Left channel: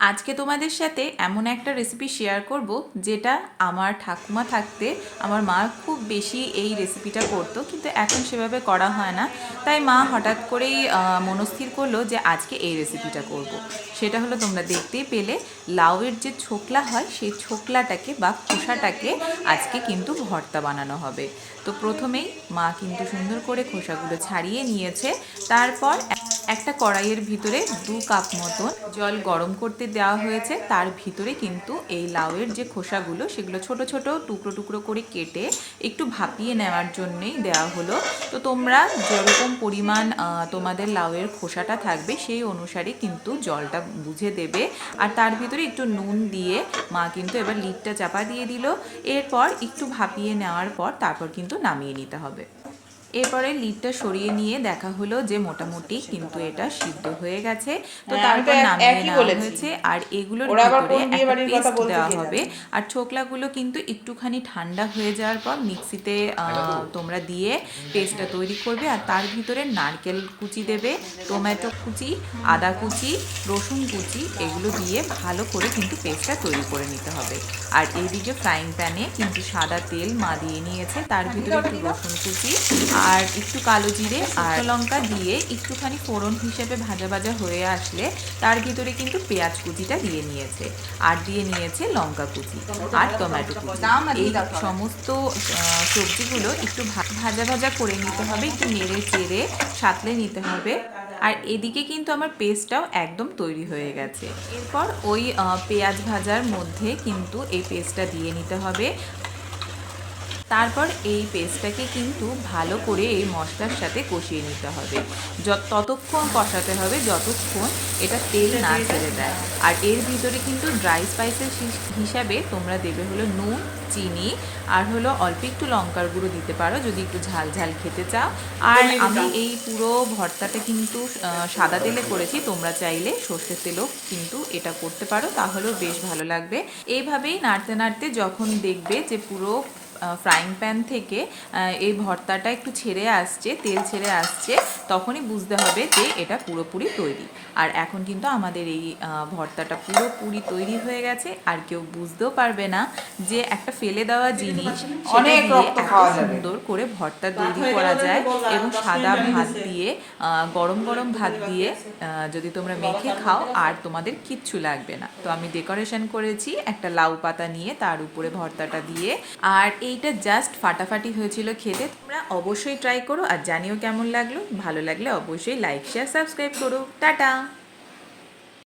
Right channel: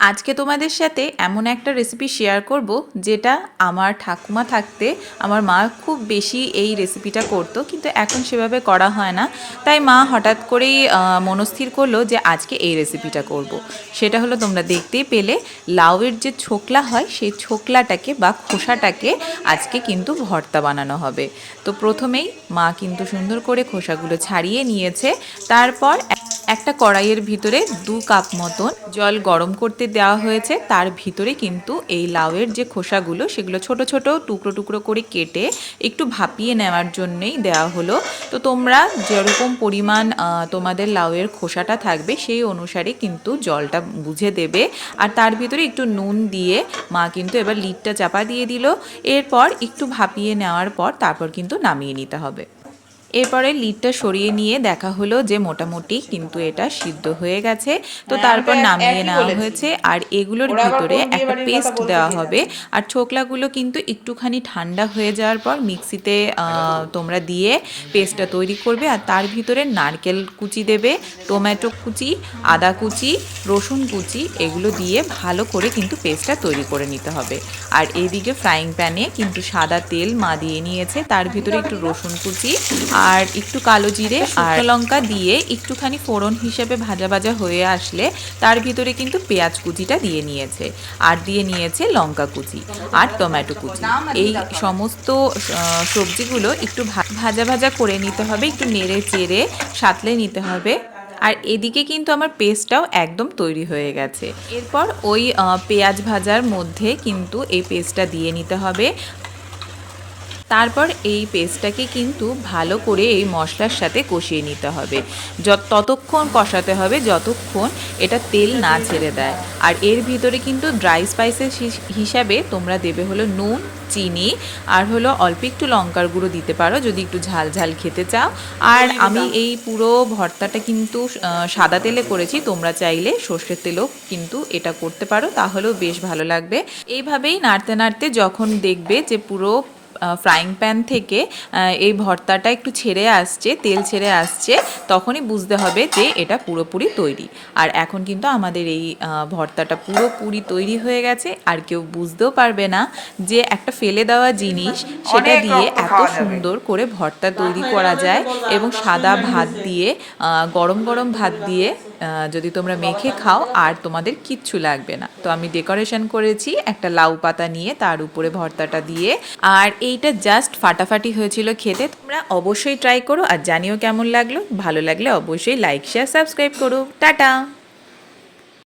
আজকে তোমাদের সাথে এমন একটা রেসিপি শেয়ার করব, যেটা আমার ঠাকুমা থাকতে আমার মা খুব বেশি এই রেসিপিটা করতো, কিন্তু এখন সেভাবে করা হয় না তাই মা হঠাৎ করেই মনস্থির করল যে আজকে এই রেসিপিটা করব। সেটা হলো তোমরা দেখতেই পেলে, লাউয়ের যে ছোকলা হয়, সেই ছোকলাটাকে বা খোসাটাকে আজকে কিন্তু ভর্তা বানানো হবে তো প্রথমেই মা কিন্তু সুন্দর করে খোসাগুলো ছাড়িয়ে নিয়েছে, তারপর একটা কড়াইয়ের ভিতরে দু কাপ মতন জল গরম করতে দেওয়া হয়েছে। তার ভিতরে কিন্তু এই লাউয়ের যে খোসাগুলো, সেগুলো ছোট ছোট টুকরো টুকরো করে কেটে একটু ভাপিয়ে নেওয়ার জন্যই দেওয়া হলো। তো তোমরা যেরকম পরিমাণ তোমাদের লাউয়ের খোসাটা থাকবে, সেই অনুসারে কিন্তু জলটা বুঝে দেবে। আর তার ভিতরে একটু নুন দিয়ে মা কিন্তু এবার লিডটা চাপা দিয়ে দিল। এরপর একটু ভাপিয়ে নেওয়ার পর তারপর কিন্তু নামিয়ে নিতে হবে। এরপরে লিডটা সরিয়ে নিয়ে দেখা হলো যে মোটামুটি কিন্তু এটা সিদ্ধ হয়ে গেছে। তো হ্যাঁ, তারপর নামিয়ে নেওয়া হয়েছে। আর এগুলোর ভিতরে একটা পেস্ট দেওয়া হবে। আর ছোকলাগুলো কিন্তু একটুখানি ঠান্ডা হয়ে যাওয়ার পর মিক্সিতে তোমরা দিয়ে পেস্টটা তৈরি করবে। আর তার ভিতরে নারকেল কুচি দেবে টমেটো কুচি আদা কুচি রসুন কুচি এগুলো দিয়ে ভালো করে কিন্তু পেস্টটা তৈরি করে নিতে হবে। আর এইদিকে ফ্রাইং প্যানে কিন্তু সাদা তেল মা দিয়ে নিয়েছে। তার ভিতরে একটু রসুন কুচি আর একটু কালো জিরে আর লঙ্কা দিয়ে একটুখানি ফোড়ন হিসেবে ভাজা ভাজা হয়ে আসলে তার ভিতরে কিন্তু পেঁয়াজ কুচিটা দিয়ে নিয়েছে। আর দিয়ে নিয়েছে লঙ্কা কুচি আর টমেটো কুচি। এই সমস্ত সবজিগুলো একটু ভাজা ভাজা করে নিতে হবে একটু নেড়ে চেড়ে সাঁতলে নিতে হবে। আর এদিকে কিন্তু আমার পেস্টটাও একদম তৈরি হয়ে গেছে। এরপর ওই পেঁয়াজ ভাজার মধ্যে কিন্তু এই পেস্টটা দিয়ে নিতে হবে। তারপর এই পেস্টটাকে কিন্তু ভালো করে এই মশলার সাথে কষিয়ে নিতে হবে। যত ততক্ষণ কষাতে হবে যতক্ষণ এটা তেল না ছেড়ে দেয়। আর এর ভিতরে কিন্তু ড্রাই স্পাইসেস হিসাবে তোমরা দেবে হলো নুন চিনি আর হলো অল্প একটু লঙ্কার গুঁড়ো দিতে পারো যদি একটু ঝাল ঝাল খেতে চাও। আর আমি এই পুরো ভর্তাটা কিন্তু সাদা তেলে করেছি তোমরা চাইলে সর্ষের তেলও কিন্তু এটা করতে পারো তাহলেও বেশ ভালো লাগবে। এইভাবেই নাড়তে নাড়তে যখন দেখবে যে পুরো ফ্রাইং প্যান থেকে এই ভর্তাটা একটু ছেড়ে আসছে তেল ছেড়ে আসছে তখনই বুঝতে হবে যে এটা পুরোপুরি তৈরি। আর এখন কিন্তু আমাদের এই ভর্তাটা পুরোপুরি তৈরি হয়ে গেছে আর কেউ বুঝতেও পারবে না যে একটা ফেলে দেওয়া জিনিস সেটা দিয়ে এত সুন্দর করে ভর্তা তৈরি করা যায় এবং সাদা ভাত দিয়ে আহ, গরম গরম ভাত দিয়ে আহ, যদি তোমরা মেখে খাও আর তোমাদের কিচ্ছু লাগবে না। তো আমি ডেকোরেশন করেছি একটা লাউ পাতা নিয়ে তার উপরে ভর্তাটা দিয়ে আর এইটা জাস্ট ফাটাফাটি হয়েছিল খেতে। তোমরা অবশ্যই ট্রাই করো আর জানিও কেমন লাগল। ভালো লাগলে অবশ্যই লাইক শেয়ার সাবস্ক্রাইব করো। টাটা!